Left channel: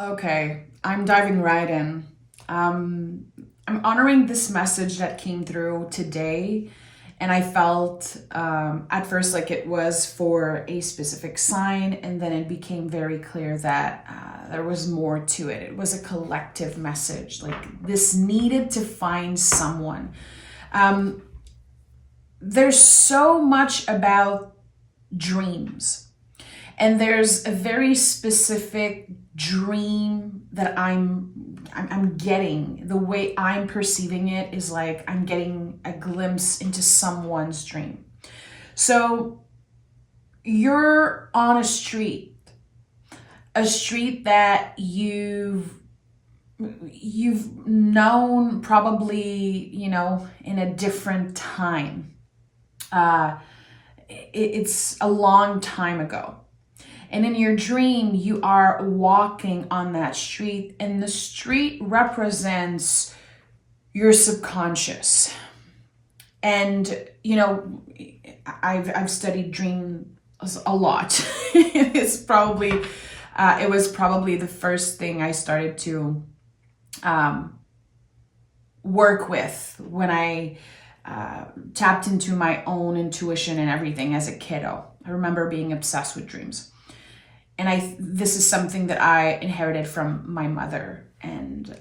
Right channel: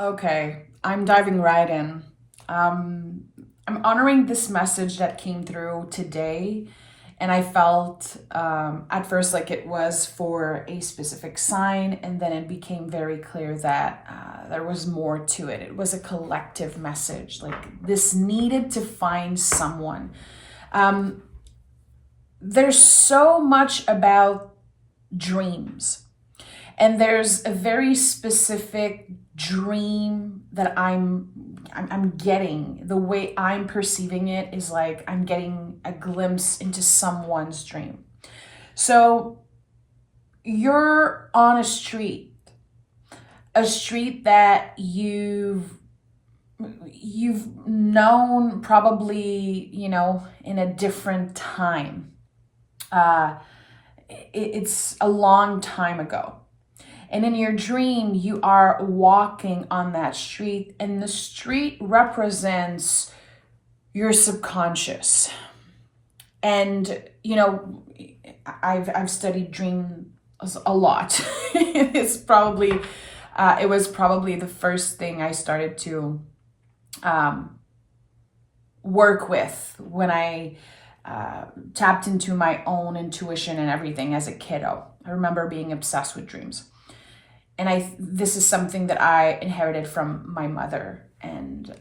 Okay, I'm diving right in. I'm honoring this message that came through today, and I felt at first like it was for a specific sign, and then it became very clear that there was more to it. It was a collective message. Like this needed to find someone. Um, there's so much about dreams. And there's a very specific dream that I'm getting. The way I'm perceiving it is like I'm getting a glimpse into someone's dream. So you're on a street that you've known probably, in a different time. It's a long time ago. And in your dream, you are walking on that street, and the street represents your subconscious. And I've studied dreams a lot. It was probably the first thing I started to work with when I tapped into my own intuition and everything as a kiddo. I remember being obsessed with dreams. And this is something that I inherited from my mother, and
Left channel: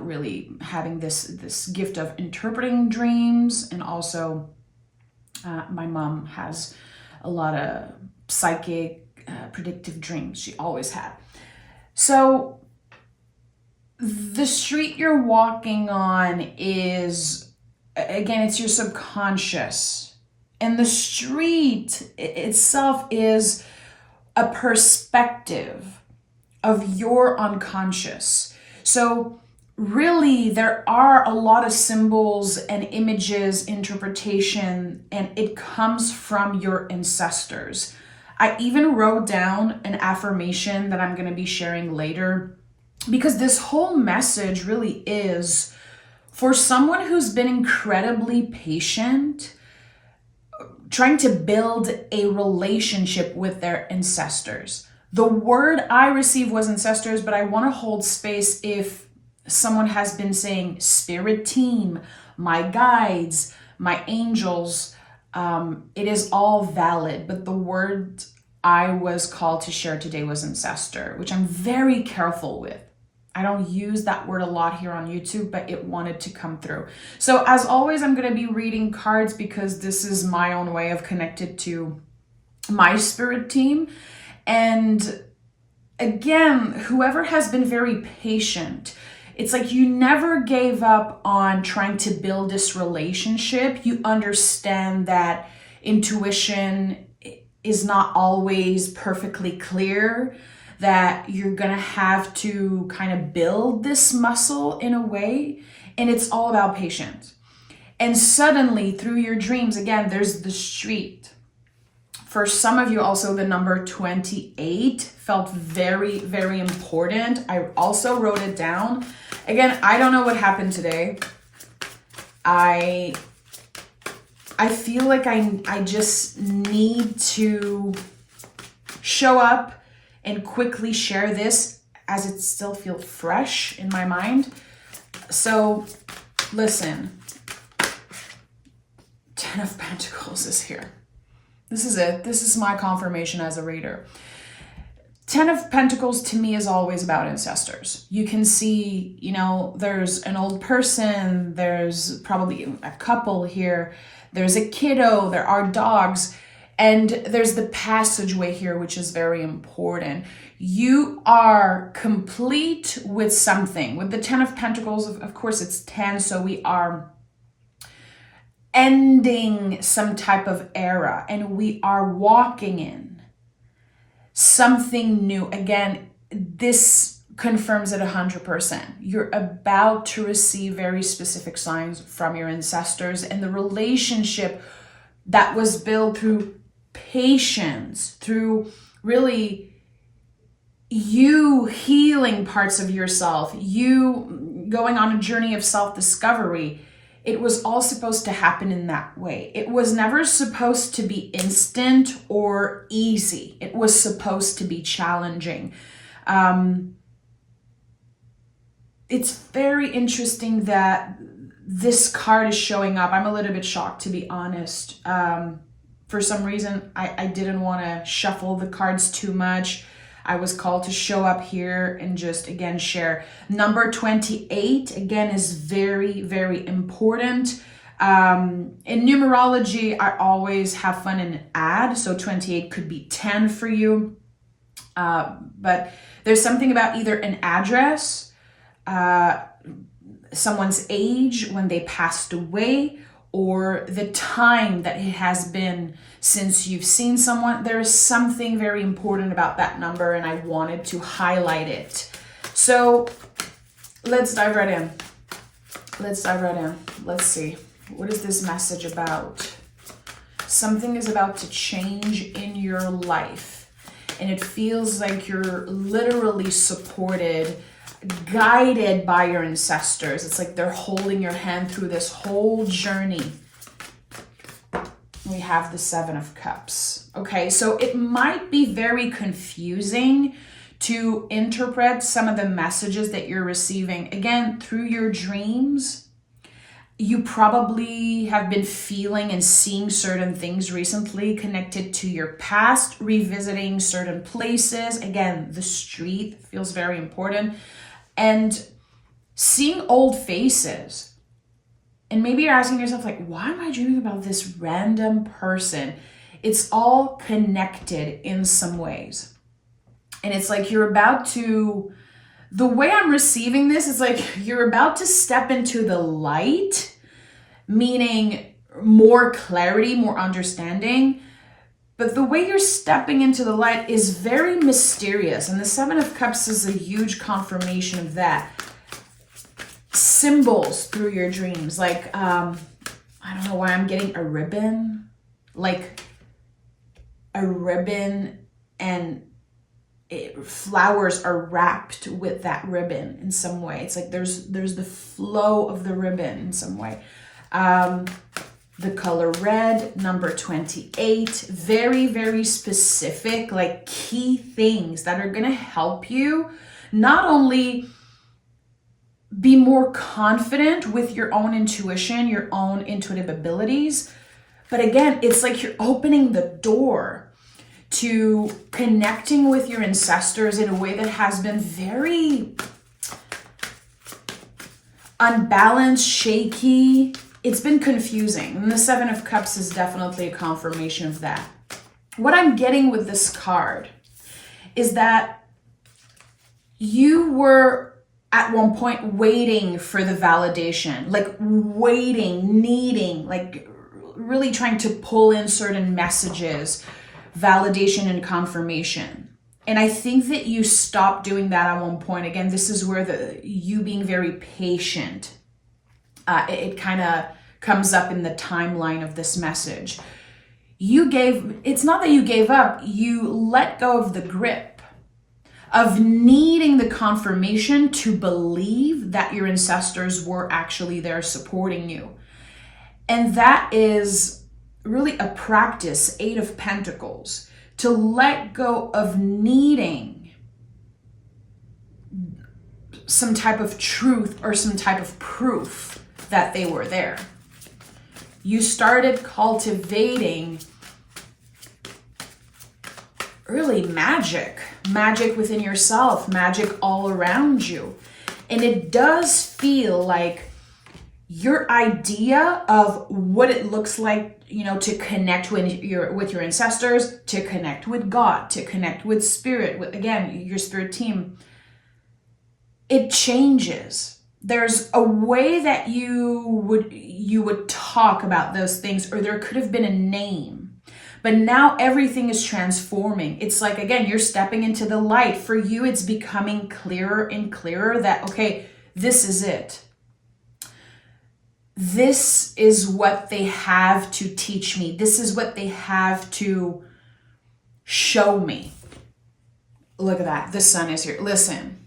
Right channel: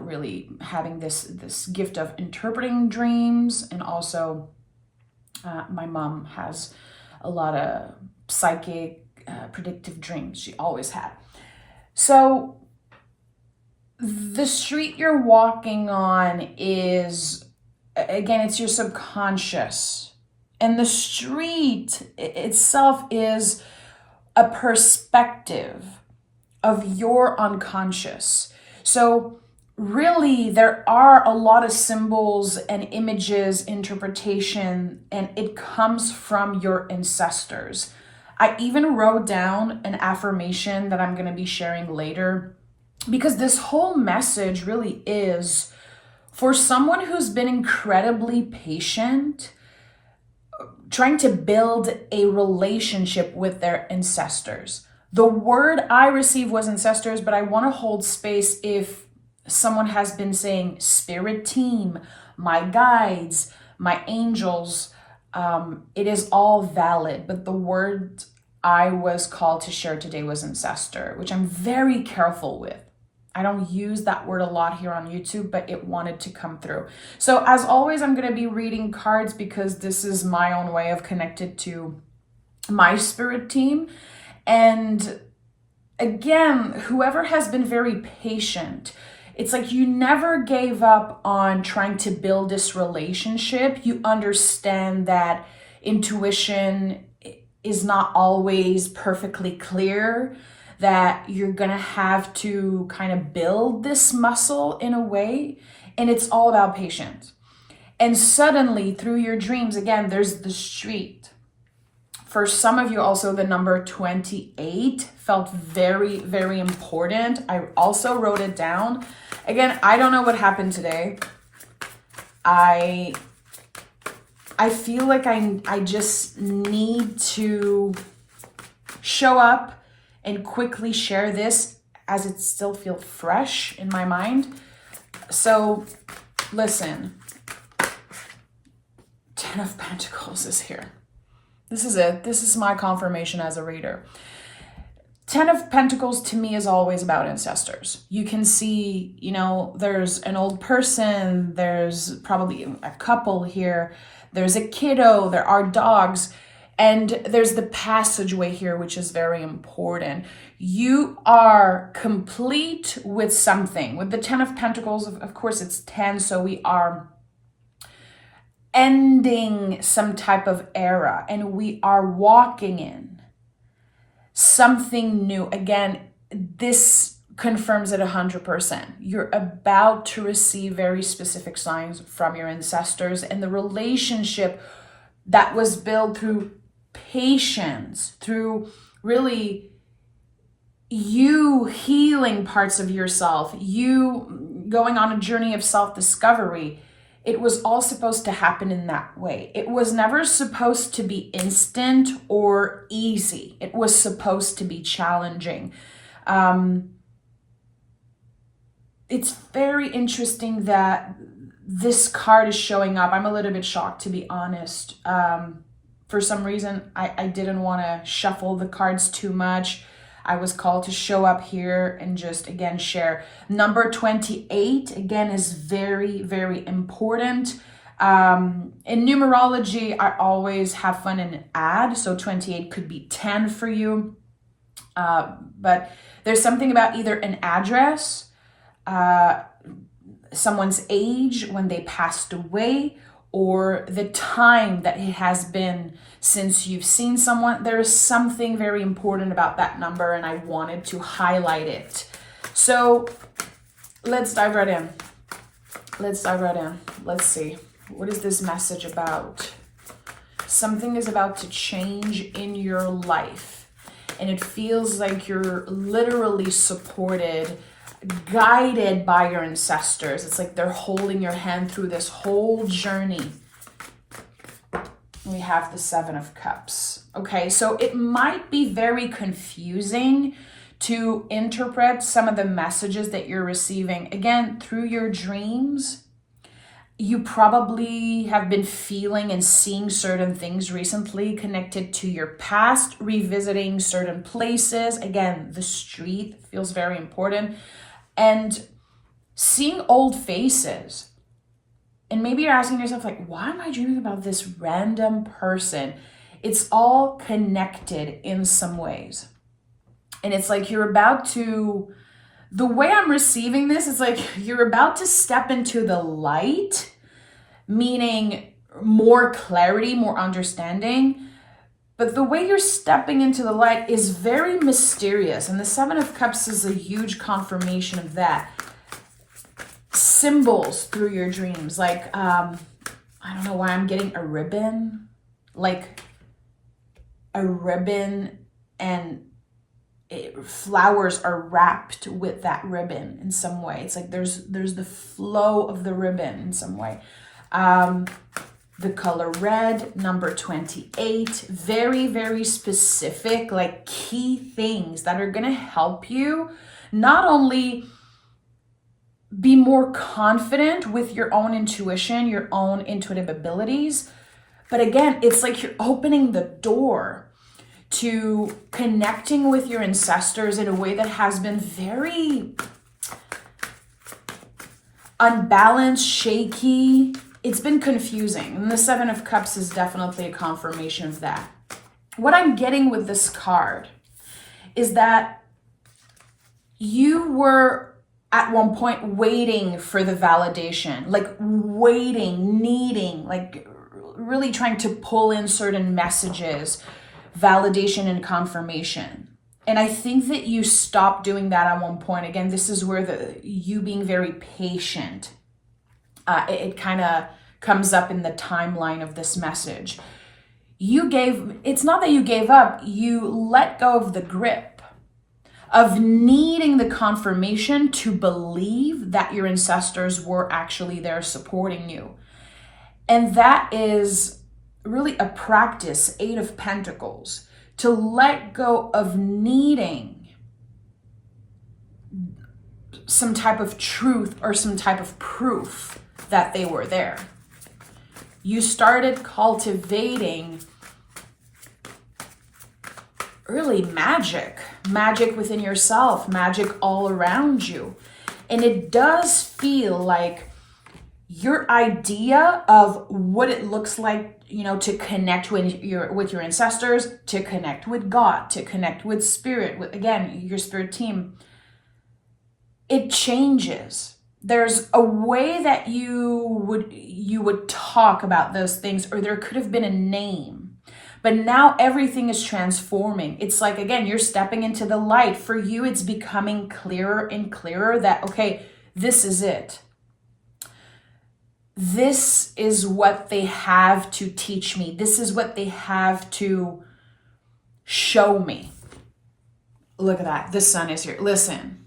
really having this gift of interpreting dreams. And also my mom has a lot of psychic predictive dreams. She always had. So the street you're walking on is, again, it's your subconscious, and the street itself is a perspective of your unconscious. So really, there are a lot of symbols and images, interpretation, and it comes from your ancestors. I even wrote down an affirmation that I'm going to be sharing later, because this whole message really is for someone who's been incredibly patient, trying to build a relationship with their ancestors. The word I received was ancestors, but I want to hold space if someone has been saying spirit team, my guides, my angels. It is all valid, but the word I was called to share today was ancestor, which I'm very careful with. I don't use that word a lot here on YouTube, but it wanted to come through. So as always, I'm going to be reading cards because this is my own way of connected to my spirit team. And again, whoever has been very patient, it's like you never gave up on trying to build this relationship. You understand that intuition is not always perfectly clear, that you're going to have to kind of build this muscle in a way, and it's all about patience. And suddenly, through your dreams, again, there's the street. For some of you, also, the number 28 felt very, very important. I also wrote it down. Again, I don't know what happened today. I feel like I just need to show up and quickly share this as it still feels fresh in my mind. So listen, 10 of Pentacles is here. This is it. This is my confirmation as a reader. 10 of Pentacles to me is always about ancestors. You can see, there's an old person, there's probably a couple here, there's a kiddo, there are dogs, and there's the passageway here, which is very important. You are complete with something. With the 10 of Pentacles, of course, it's 10, so we are ending some type of era, and we are walking in something new. Again, this confirms it 100%. You're about to receive very specific signs from your ancestors, and the relationship that was built through patience, through really you healing parts of yourself, you going on a journey of self-discovery. It was all supposed to happen in that way. It was never supposed to be instant or easy. It was supposed to be challenging. It's very interesting that this card is showing up. I'm a little bit shocked, to be honest. For some reason, I didn't want to shuffle the cards too much. I was called to show up here and just, again, share. Number 28, again, is very, very important. In numerology, I always have fun and add. So 28 could be 10 for you. But there's something about either an address, someone's age when they passed away, or the time that it has been since you've seen someone. There is something very important about that number, and I wanted to highlight it. So let's dive right in. Let's see. What is this message about? Something is about to change in your life, and it feels like you're literally supported, guided by your ancestors. It's like they're holding your hand through this whole journey. We have the 7 of Cups. Okay, so it might be very confusing to interpret some of the messages that you're receiving. Again, through your dreams, you probably have been feeling and seeing certain things recently connected to your past, revisiting certain places. Again, the street feels very important. And seeing old faces. And maybe you're asking yourself, like, why am I dreaming about this random person? It's all connected in some ways. And it's like you're about to, the way I'm receiving this is like you're about to step into the light, meaning more clarity, more understanding. But the way you're stepping into the light is very mysterious. And the 7 of Cups is a huge confirmation of that. Symbols through your dreams. Like, I don't know why I'm getting a ribbon. Like a ribbon, and flowers are wrapped with that ribbon in some way. It's like there's the flow of the ribbon in some way. The color red, number 28, very, very specific, like key things that are going to help you not only be more confident with your own intuition, your own intuitive abilities, but again, it's like you're opening the door to connecting with your ancestors in a way that has been very unbalanced, shaky. It's been confusing. And the 7 of Cups is definitely a confirmation of that. What I'm getting with this card is that you were at one point waiting for the validation, like waiting, needing, like really trying to pull in certain messages, validation and confirmation. And I think that you stopped doing that at one point. Again, this is where you being very patient, it kind of comes up in the timeline of this message. It's not that you gave up, you let go of the grip of needing the confirmation to believe that your ancestors were actually there supporting you. And that is really a practice, 8 of Pentacles, to let go of needing some type of truth or some type of proof that they were there. You started cultivating really magic within yourself, magic all around you. And it does feel like your idea of what it looks like, to connect with your ancestors, to connect with God, to connect with spirit, with, again, your spirit team, it changes. There's a way that you would talk about those things, or there could have been a name. But now everything is transforming. It's like, again, you're stepping into the light. For you, it's becoming clearer and clearer that, okay, this is it. This is what they have to teach me. This is what they have to show me. Look at that. The sun is here. Listen.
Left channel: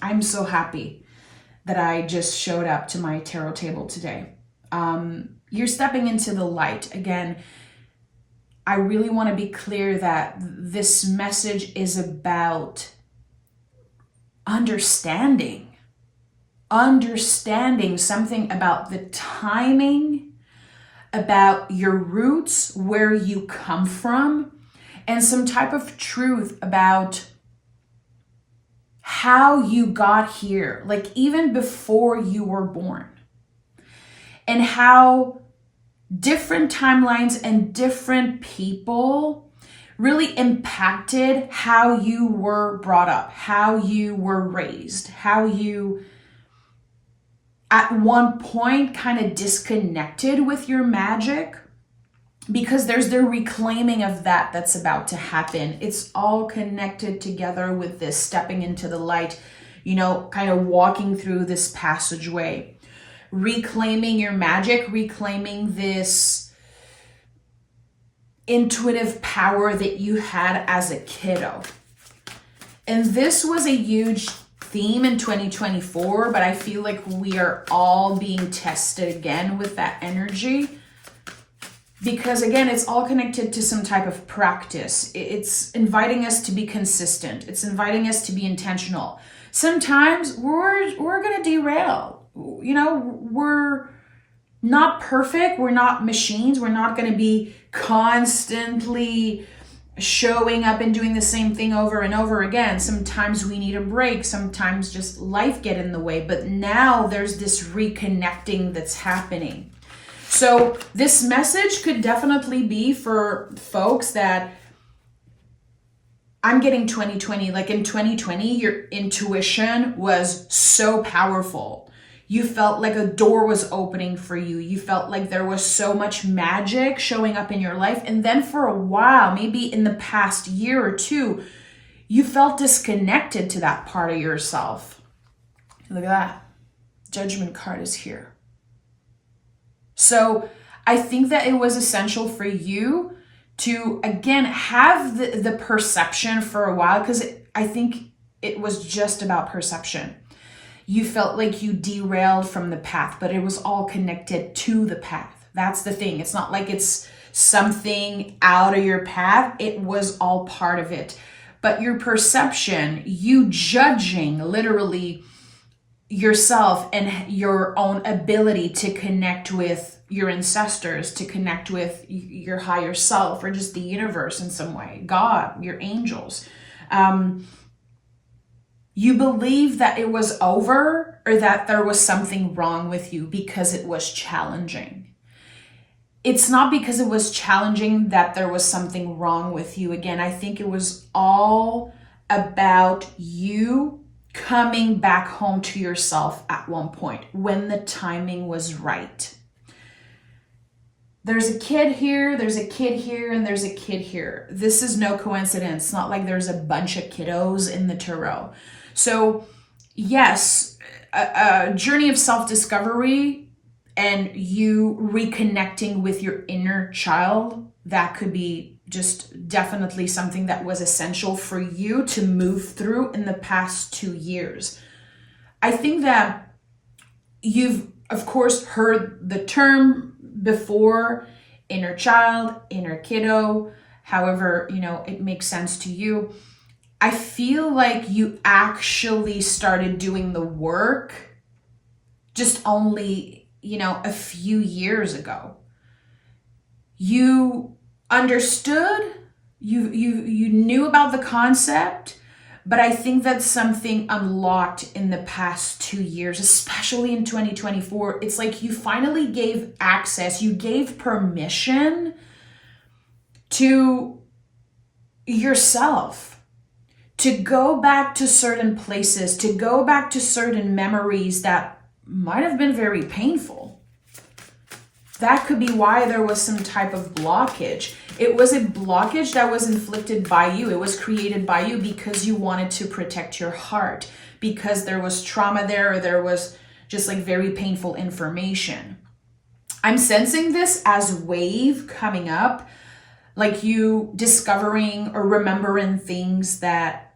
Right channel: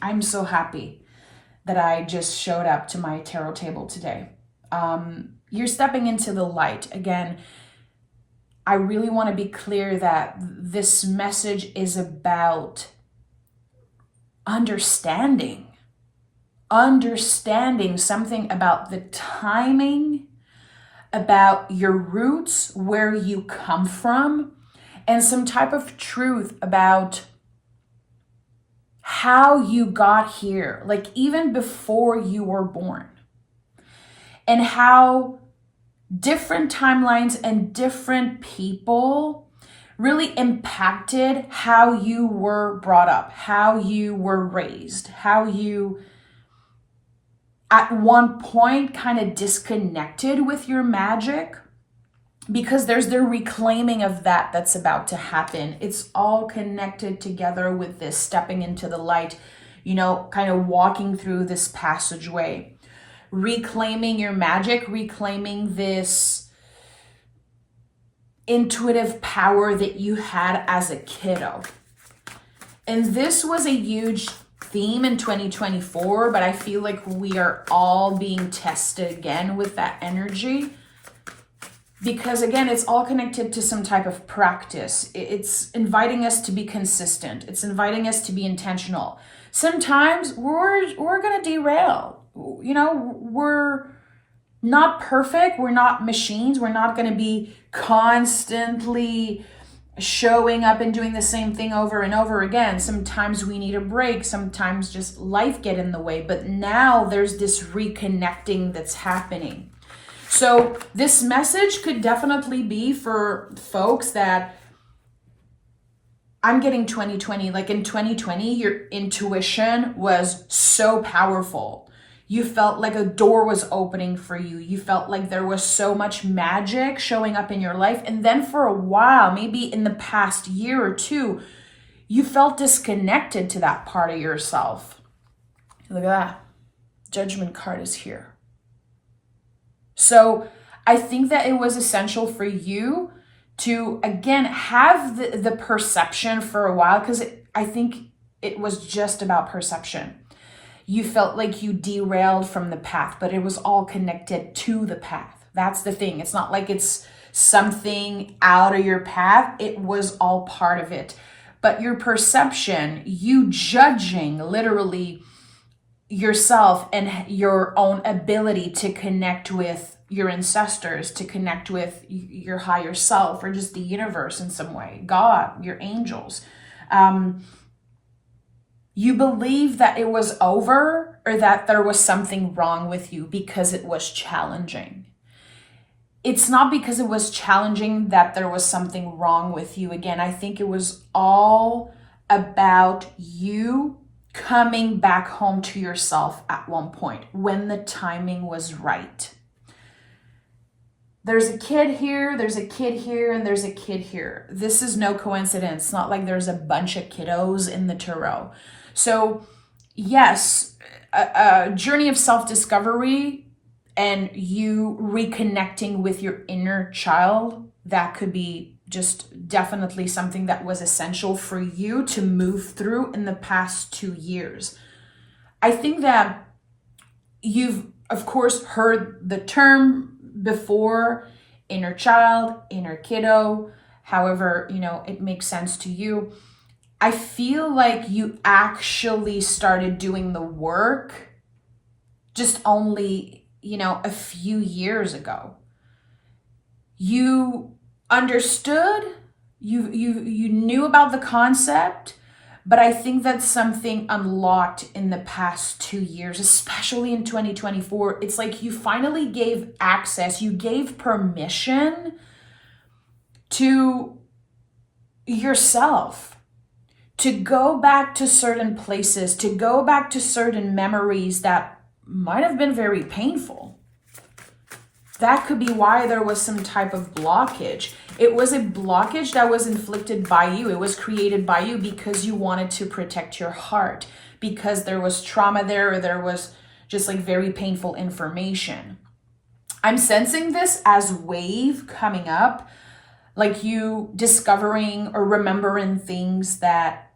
I'm so happy that I just showed up to my tarot table today. You're stepping into the light. Again, I really want to be clear that this message is about understanding something about the timing, about your roots, where you come from, and some type of truth about how you got here, like even before you were born, and how different timelines and different people really impacted how you were brought up, how you were raised, how you at one point kind of disconnected with your magic, because there's the reclaiming of that's about to happen. It's all connected together with this stepping into the light, kind of walking through this passageway, reclaiming your magic, reclaiming this intuitive power that you had as a kiddo. And this was a huge theme in 2024, but I feel like we are all being tested again with that energy. Because again, it's all connected to some type of practice. It's inviting us to be consistent. It's inviting us to be intentional. Sometimes we're going to derail. We're not perfect. We're not machines. We're not going to be constantly showing up and doing the same thing over and over again. Sometimes we need a break. Sometimes just life get in the way. But now there's this reconnecting that's happening. So this message could definitely be for folks that I'm getting 2020. Like in 2020, your intuition was so powerful. You felt like a door was opening for you. You felt like there was so much magic showing up in your life. And then for a while, maybe in the past year or two, you felt disconnected to that part of yourself. Look at that. Judgment card is here. So I think that it was essential for you to, again, have the perception for a while, because I think it was just about perception. You felt like you derailed from the path, but it was all connected to the path. That's the thing. It's not like it's something out of your path. It was all part of it. But your perception, you judging literally yourself and your own ability to connect with your ancestors, to connect with your higher self, or just the universe in some way, God, your angels. You believe that it was over, or that there was something wrong with you because it was challenging. It's not because it was challenging that there was something wrong with you. Again, I think it was all about you coming back home to yourself at one point when the timing was right. There's a kid here, there's a kid here, and there's a kid here. This is no coincidence. It's not like there's a bunch of kiddos in the tarot. So yes, a journey of self-discovery and you reconnecting with your inner child, that could be just definitely something that was essential for you to move through in the past 2 years. I think that you've, of course, heard the term before, inner child, inner kiddo, however, it makes sense to you. I feel like you actually started doing the work just only, a few years ago. You understood, you knew about the concept, but I think that's something unlocked in the past 2 years, especially in 2024. It's like you finally gave access, you gave permission to yourself to go back to certain places, to go back to certain memories that might have been very painful. That could be why there was some type of blockage. It was a blockage that was inflicted by you. It was created by you because you wanted to protect your heart, because there was trauma there, or there was just like very painful information. I'm sensing this as wave coming up, like you discovering or remembering things that,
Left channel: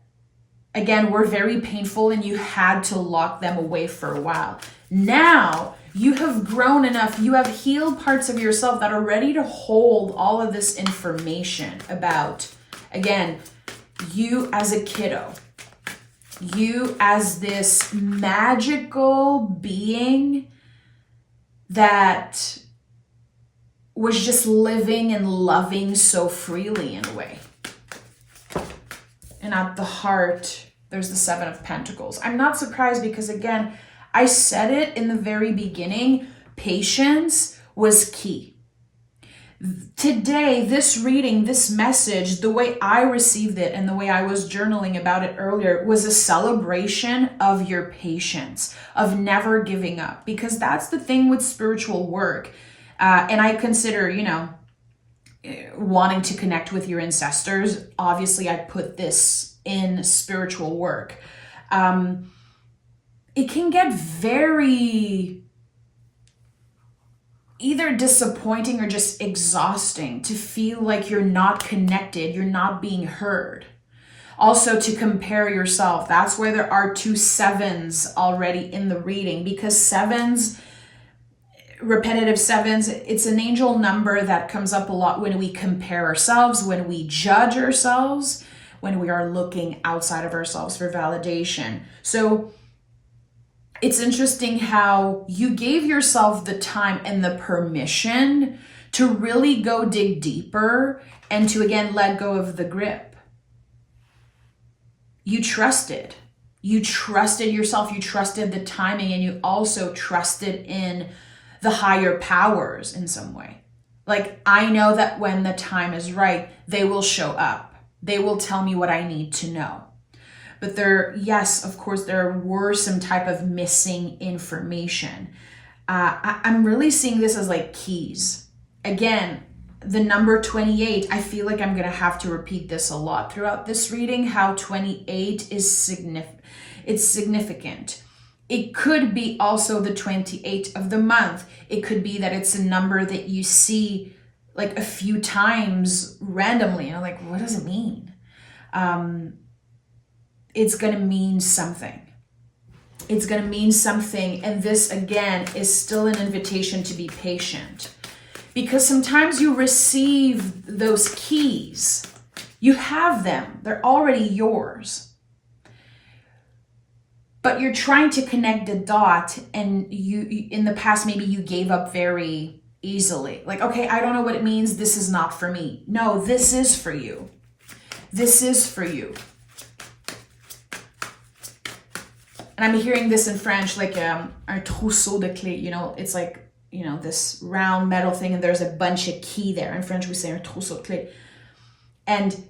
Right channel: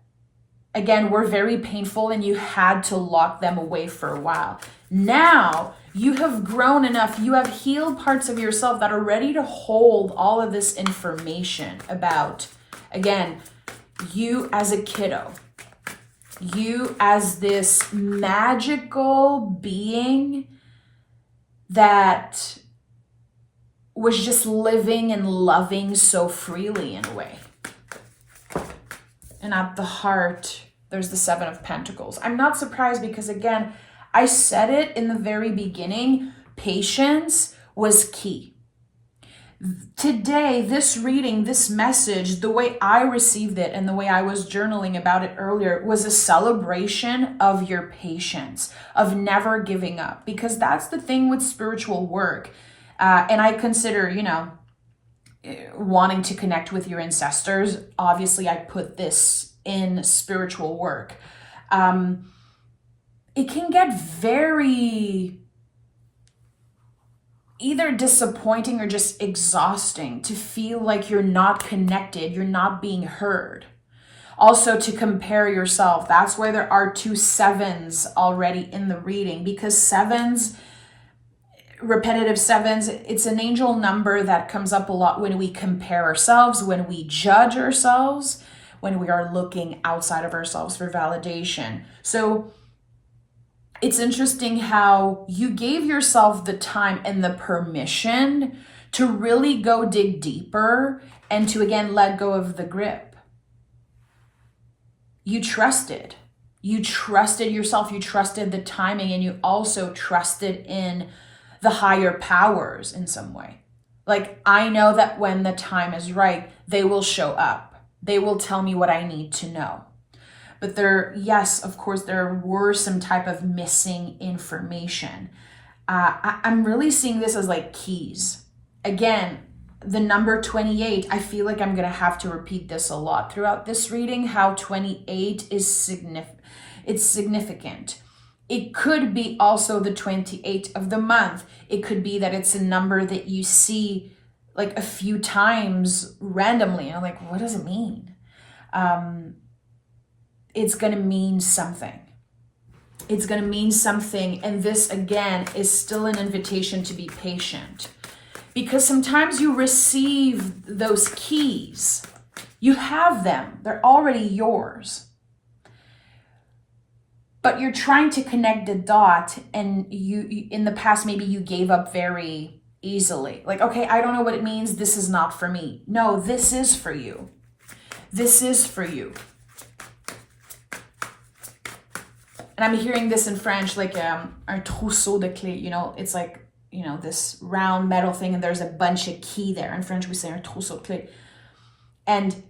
again, were very painful and you had to lock them away for a while. Now you have grown enough, you have healed parts of yourself that are ready to hold all of this information about, again, you as a kiddo. you as this magical being that was just living and loving so freely in a way. And at the heart, there's the Seven of Pentacles. I'm not surprised because, again, I said it in the very beginning, patience was key. Today, this reading, this message, the way I received it and the way I was journaling about it earlier was a celebration of your patience, of never giving up, because that's the thing with spiritual work. And I consider, wanting to connect with your ancestors. Obviously, I put this in spiritual work. It can get very either disappointing or just exhausting to feel like you're not connected, you're not being heard. Also, to compare yourself. That's why there are 2 sevens already in the reading, because sevens, repetitive sevens, it's an angel number that comes up a lot when we compare ourselves, when we judge ourselves, when we are looking outside of ourselves for validation. So it's interesting how you gave yourself the time and the permission to really go dig deeper and to, again, let go of the grip. You trusted. You trusted yourself. You trusted the timing, and you also trusted in the higher powers in some way. Like, I know that when the time is right, they will show up. They will tell me what I need to know. But yes, of course, there were some type of missing information. I'm really seeing this as like keys. Again, the number 28, I feel like I'm going to have to repeat this a lot throughout this reading, how 28 is significant. It could be also the 28th of the month. It could be that it's a number that you see like a few times randomly. And I'm like, what does it mean? It's going to mean something. It's going to mean something. And this, again, is still an invitation to be patient. Because sometimes you receive those keys. You have them. They're already yours. But you're trying to connect the dot, and you in the past, maybe you gave up very easily. Like, okay, I don't know what it means. This is not for me. No, this is for you. This is for you. And I'm hearing this in French, like un trousseau de clés, it's like, this round metal thing, and there's a bunch of key there. In French, we say un trousseau de clés. And,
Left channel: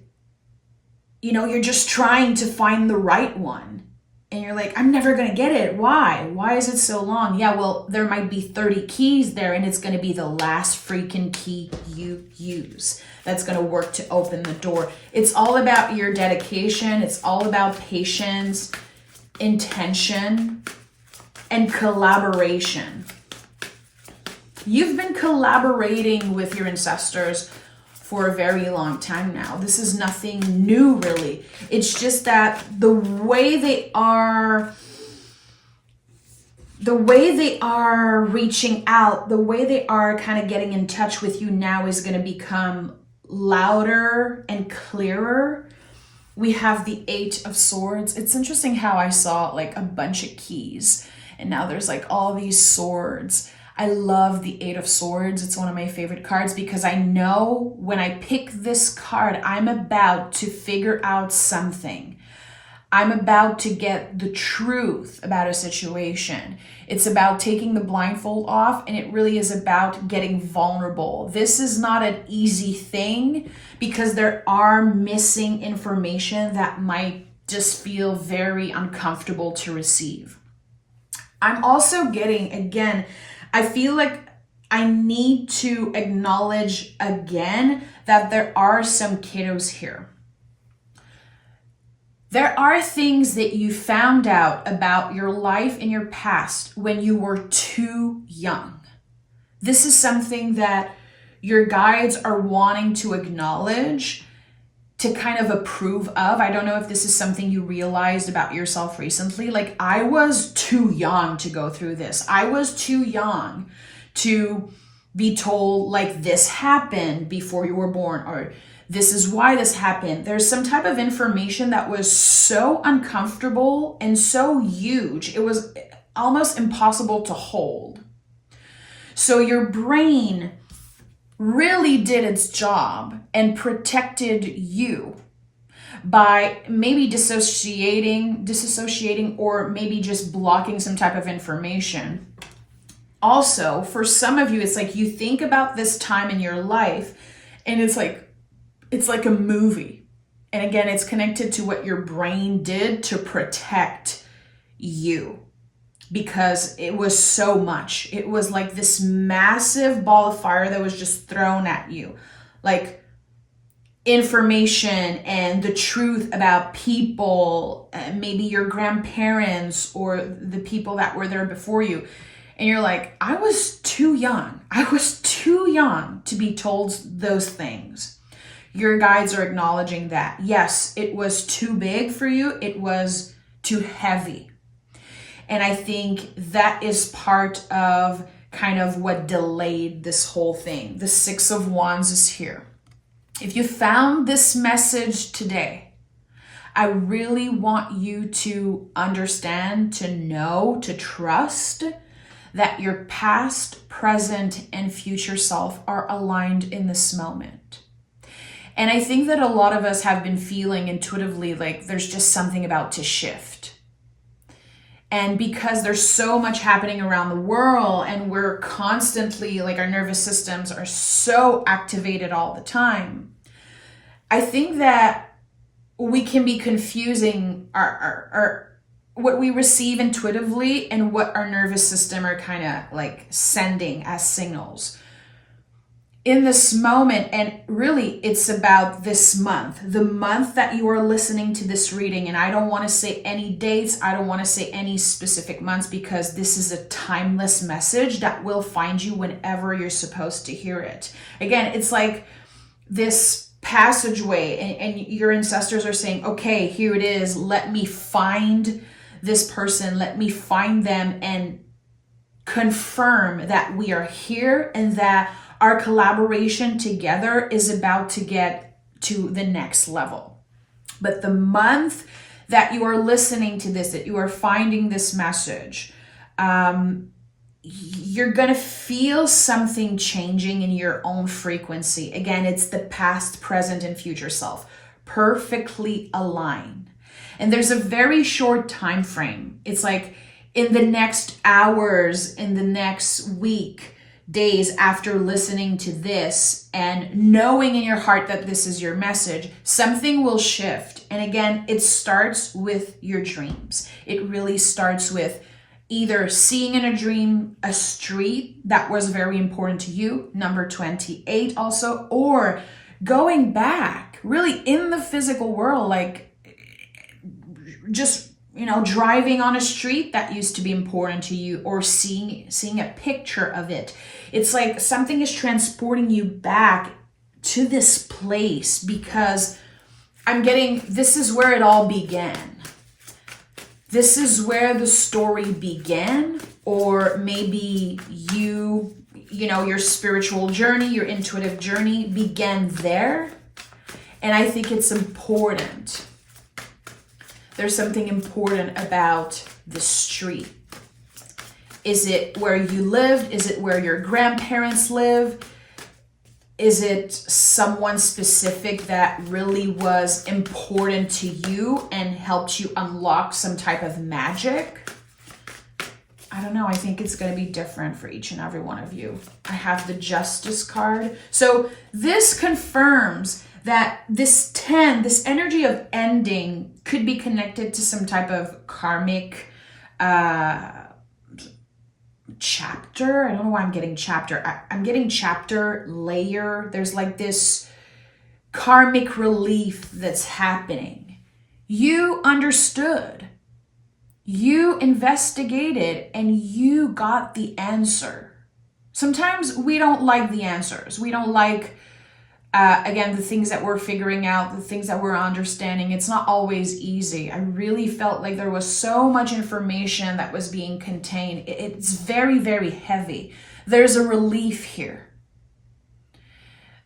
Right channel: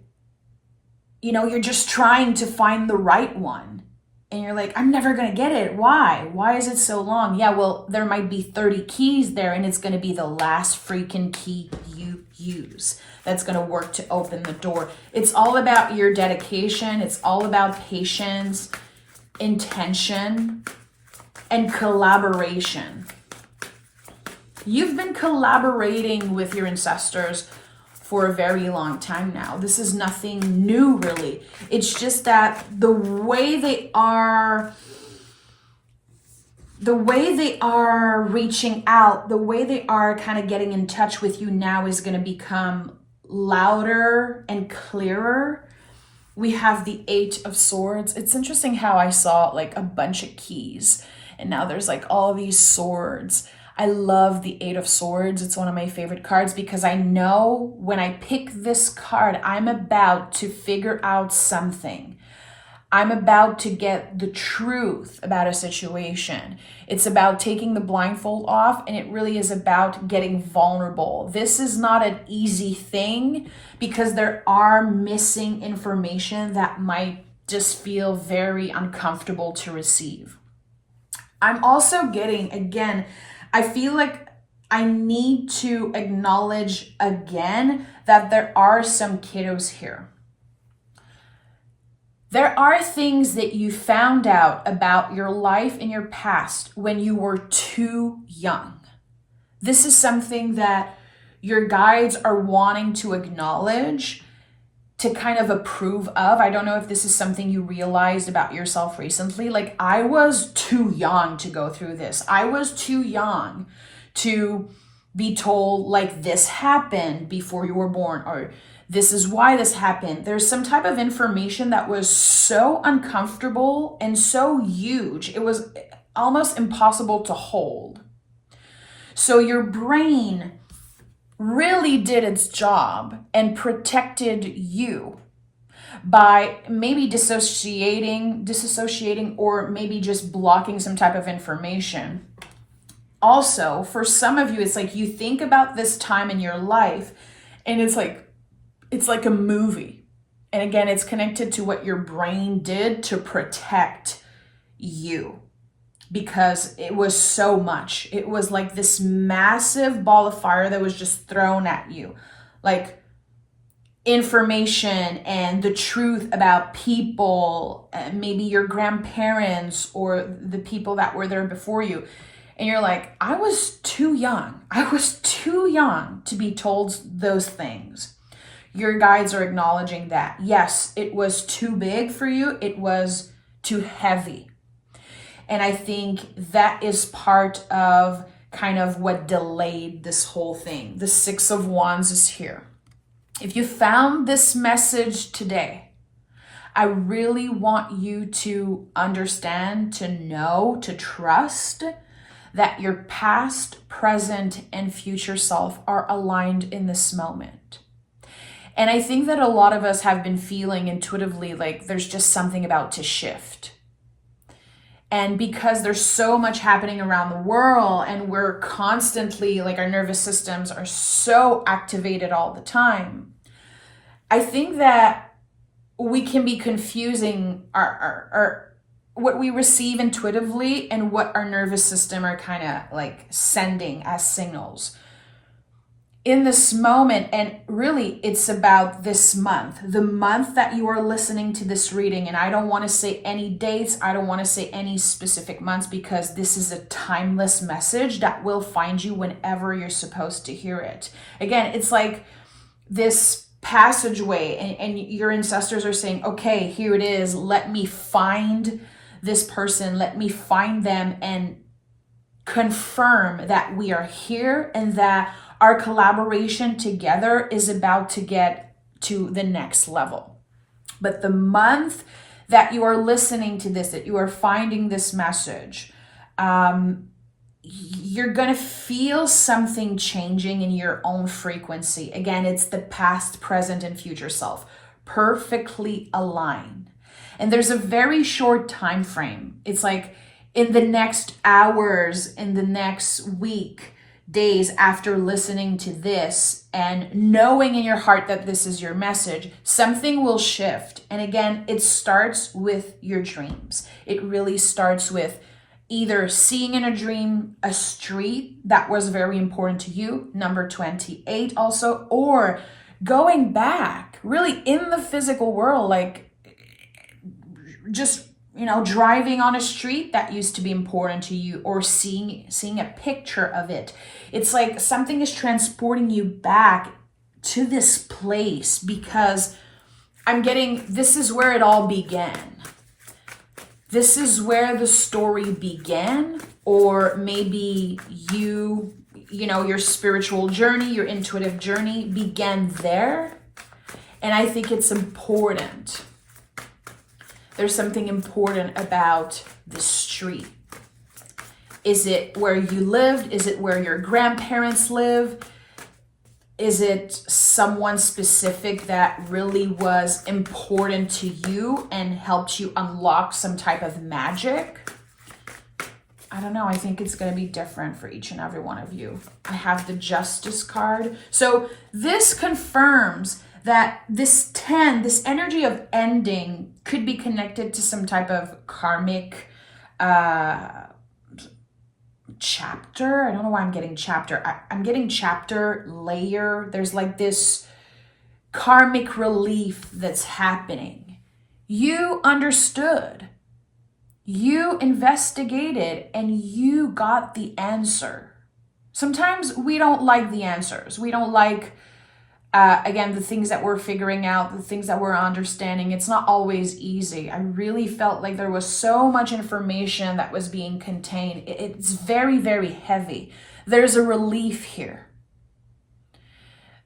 you're just trying to find the right one. And you're like, I'm never going to get it. Why? Why is it so long? Yeah, well, there might be 30 keys there, and it's going to be the last freaking key you use that's going to work to open the door. It's all about your dedication. It's all about patience, intention, and collaboration. You've been collaborating with your ancestors for a very long time now. This is nothing new, really. It's just that the way they are reaching out, the way they are kind of getting in touch with you now is going to become louder and clearer. We have the 8 of Swords. It's interesting how I saw like a bunch of keys, and now there's like all these swords. I love the 8 of Swords. It's one of my favorite cards because I know when I pick this card, I'm about to figure out something. I'm about to get the truth about a situation. It's about taking the blindfold off, and it really is about getting vulnerable. This is not an easy thing because there are missing information that might just feel very uncomfortable to receive. I'm also getting, again, I feel like I need to acknowledge again that there are some kiddos here. There are things that you found out about your life in your past when you were too young. This is something that your guides are wanting to acknowledge, to kind of approve of. I don't know if this is something you realized about yourself recently. Like, I was too young to go through this. I was too young to be told, like, this happened before you were born, or This is why this happened. There's some type of information that was so uncomfortable and so huge, it was almost impossible to hold. So your brain really did its job and protected you by maybe dissociating, or maybe just blocking some type of information. Also, for some of you, it's like you think about this time in your life and it's like a movie. And again, it's connected to what your brain did to protect you, because it was so much. It was like this massive ball of fire that was just thrown at you. Like information and the truth about people, maybe your grandparents or the people that were there before you. And you're like, I was too young. I was too young to be told those things. Your guides are acknowledging that. Yes, it was too big for you. It was too heavy. And I think that is part of kind of what delayed this whole thing. The Six of Wands is here. If you found this message today, I really want you to understand, to know, to trust that your past, present, and future self are aligned in this moment. And I think that a lot of us have been feeling intuitively like there's just something about to shift. And because there's so much happening around the world and we're constantly, like our nervous systems are so activated all the time, I think that we can be confusing our what we receive intuitively and what our nervous system are kind of like sending as signals in this moment. And really it's about this month, the month that you are listening to this reading. And I don't want to say any dates. I don't want to say any specific months, because this is a timeless message that will find you whenever you're supposed to hear it. Again, it's like this passageway and your ancestors are saying, okay, here it is. Let me find this person. Let me find them and confirm that we are here and that our collaboration together is about to get to the next level. But the month that you are listening to this, that you are finding this message, you're going to feel something changing in your own frequency. Again, it's the past, present, and future self perfectly aligned. And there's a very short time frame. It's like in the next hours, in the next week, days after listening to this and knowing in your heart that this is your message, something will shift. And again, it starts with your dreams. It really starts with either seeing in a dream a street that was very important to you, number 28 also, or going back really in the physical world, like just, driving on a street that used to be important to you, or seeing a picture of it. It's like something is transporting you back to this place, because this is where it all began. This is where the story began, or maybe your spiritual journey, your intuitive journey began there. And I think it's important. There's something important about the street. Is it where you lived? Is it where your grandparents live? Is it someone specific that really was important to you and helped you unlock some type of magic? I don't know. I think it's going to be different for each and every one of you. I have the Justice card. So this confirms that this energy of ending could be connected to some type of karmic chapter. I don't know why I'm getting chapter. I'm getting chapter, layer. There's like this karmic relief that's happening. You understood. You investigated and you got the answer. Sometimes we don't like the answers. We don't like, again, the things that we're figuring out, the things that we're understanding. It's not always easy. I really felt like there was so much information that was being contained. It's very, very heavy. There's a relief here.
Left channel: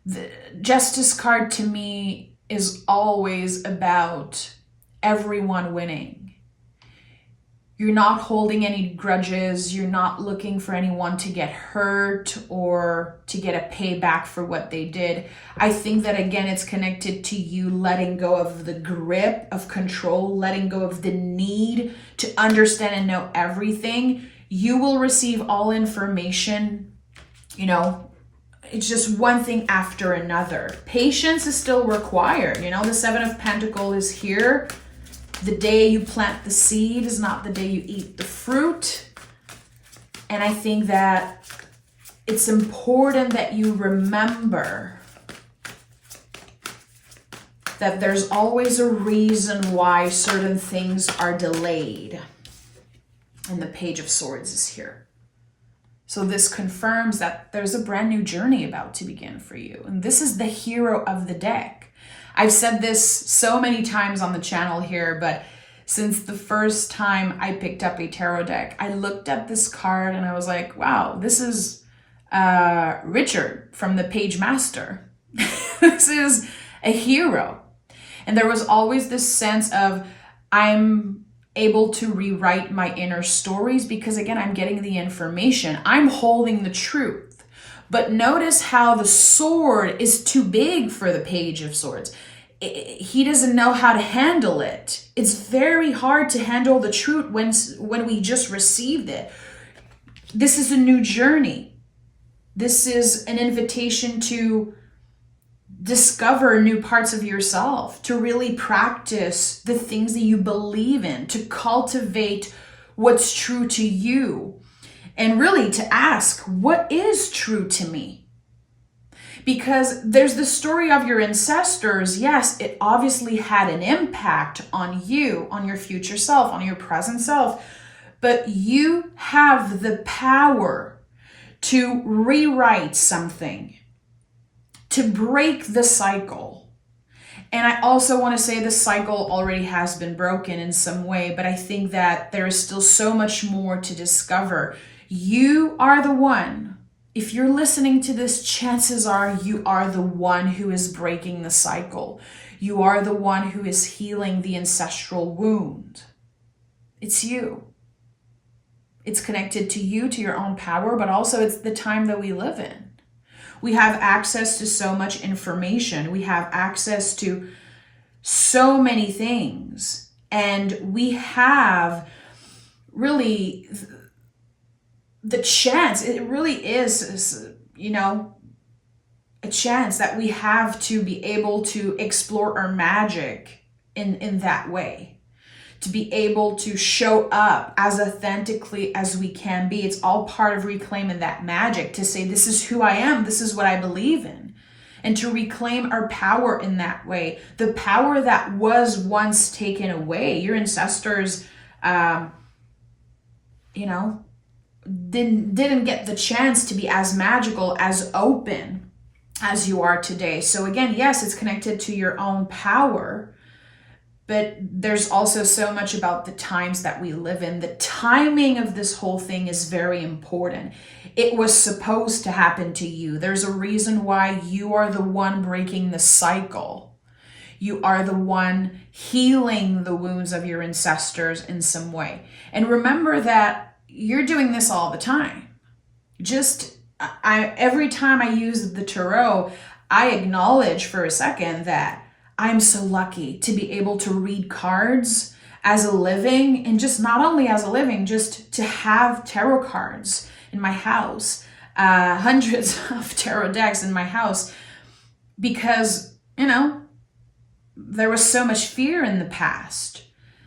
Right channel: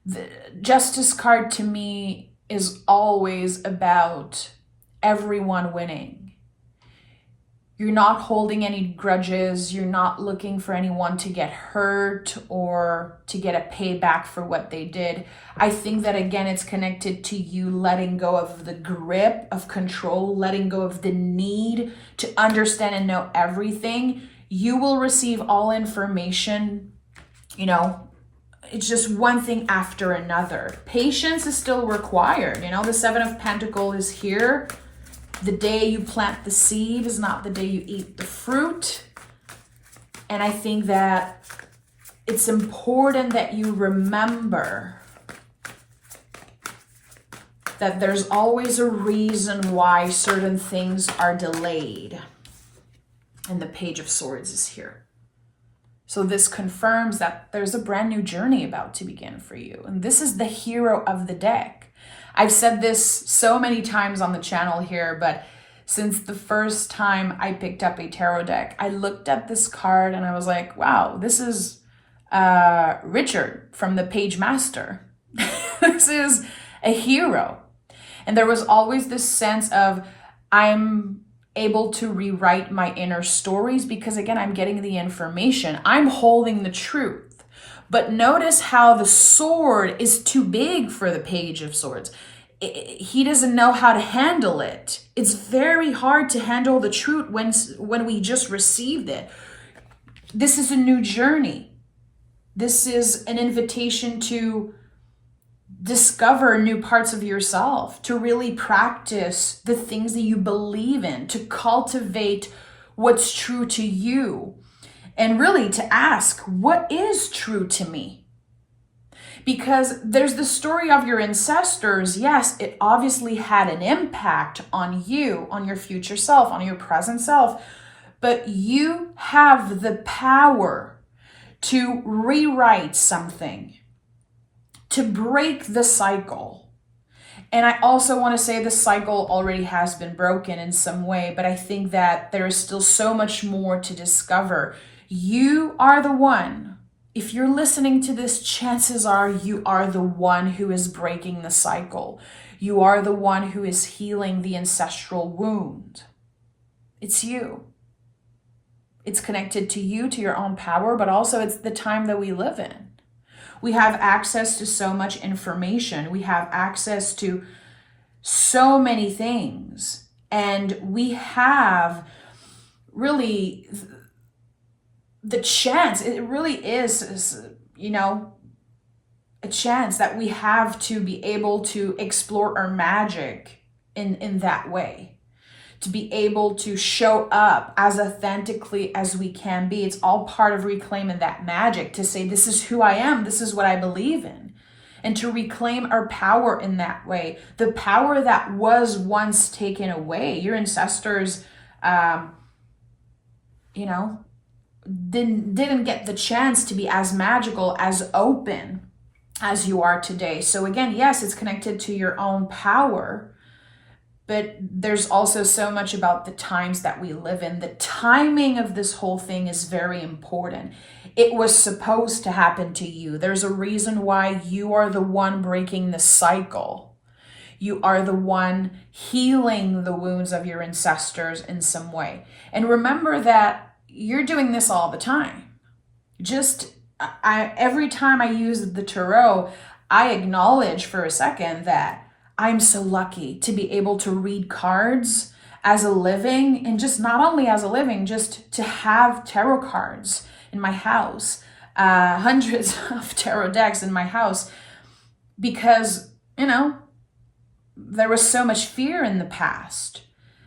The Justice card to me is always about everyone winning. You're not holding any grudges. You're not looking for anyone to get hurt or to get a payback for what they did. I think that, again, it's connected to you letting go of the grip of control, letting go of the need to understand and know everything. You will receive all information, it's just one thing after another. Patience is still required. The Seven of Pentacles is here. The day you plant the seed is not the day you eat the fruit. And I think that it's important that you remember that there's always a reason why certain things are delayed. And the Page of Swords is here. So this confirms that there's a brand new journey about to begin for you. And this is the hero of the deck. I've said this so many times on the channel here, but since the first time I picked up a tarot deck, I looked at this card and I was like, wow, this is Richard from the Page Master. This is a hero. And there was always this sense of I'm able to rewrite my inner stories because, again, I'm getting the information. I'm holding the truth. But notice how the sword is too big for the Page of Swords. He doesn't know how to handle it. It's very hard to handle the truth when we just received it. This is a new journey. This is an invitation to discover new parts of yourself, to really practice the things that you believe in, to cultivate what's true to you, and really to ask, what is true to me? Because there's the story of your ancestors. Yes, it obviously had an impact on you, on your future self, on your present self, but you have the power to rewrite something, to break the cycle. And I also want to say the cycle already has been broken in some way, but I think that there is still so much more to discover. You are the one. If you're listening to this, chances are you are the one who is breaking the cycle. You are the one who is healing the ancestral wound. It's you. It's connected to you, to your own power, but also it's the time that we live in. We have access to so much information. We have access to so many things. And we have really the chance, it really is, a chance that we have to be able to explore our magic in that way. To be able to show up as authentically as we can be. It's all part of reclaiming that magic, to say, this is who I am, this is what I believe in. And to reclaim our power in that way. The power that was once taken away. Your ancestors, didn't get the chance to be as magical, as open as you are today. So again, yes, it's connected to your own power, but there's also so much about the times that we live in. The timing of this whole thing is very important. It was supposed to happen to you. There's a reason why you are the one breaking the cycle. You are the one healing the wounds of your ancestors in some way. And remember that you're doing this all the time. Every time I use the tarot, I acknowledge for a second that I'm so lucky to be able to read cards as a living, and just not only as a living, just to have tarot cards in my house, hundreds of tarot decks in my house, because, there was so much fear in the past.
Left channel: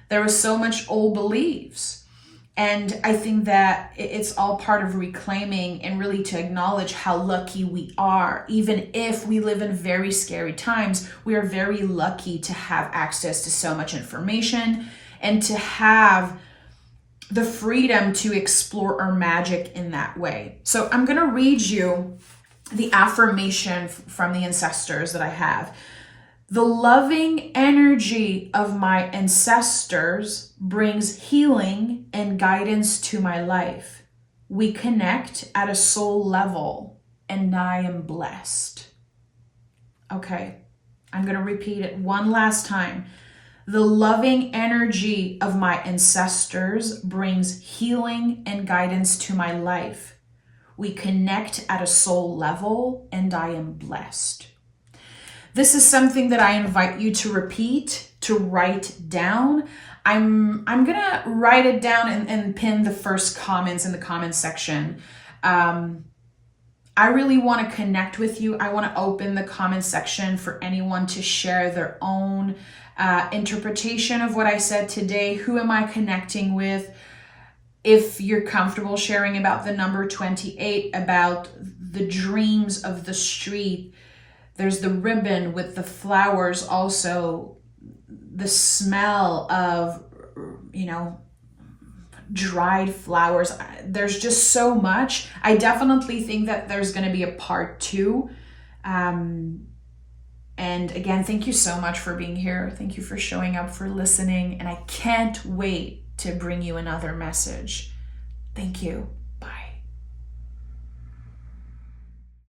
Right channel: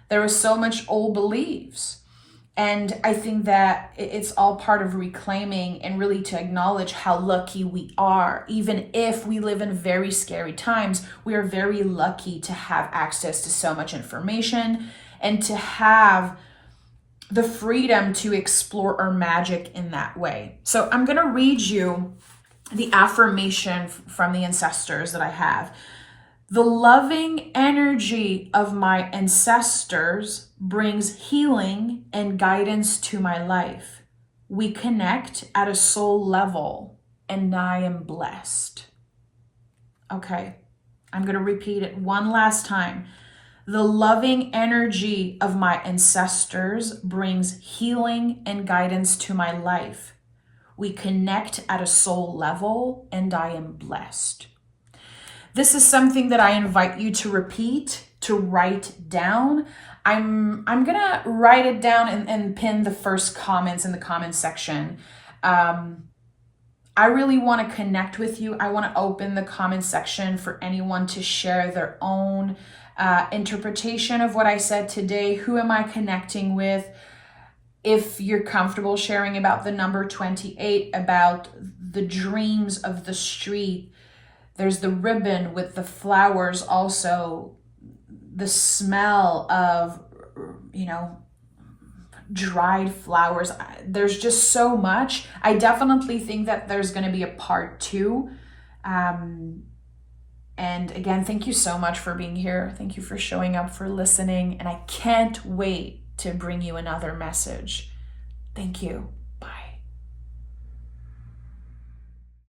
There was so much old beliefs. And I think that it's all part of reclaiming and really to acknowledge how lucky we are. Even if we live in very scary times, we are very lucky to have access to so much information and to have the freedom to explore our magic in that way. So I'm going to read you the affirmation from the ancestors that I have. The loving energy of my ancestors brings healing and guidance to my life. We connect at a soul level, and I am blessed. Okay, I'm going to repeat it one last time. The loving energy of my ancestors brings healing and guidance to my life. We connect at a soul level, and I am blessed. This is something that I invite you to repeat, to write down. I'm gonna write it down and pin the first comments in the comment section. I really want to connect with you. I want to open the comment section for anyone to share their own interpretation of what I said today. Who am I connecting with? If you're comfortable sharing about the number 28, about the dreams of the street, there's the ribbon with the flowers, also the smell of, dried flowers. There's just so much. I definitely think that there's going to be a part 2. And again, thank you so much for being here. Thank you for showing up, for listening. And I can't wait to bring you another message. Thank you.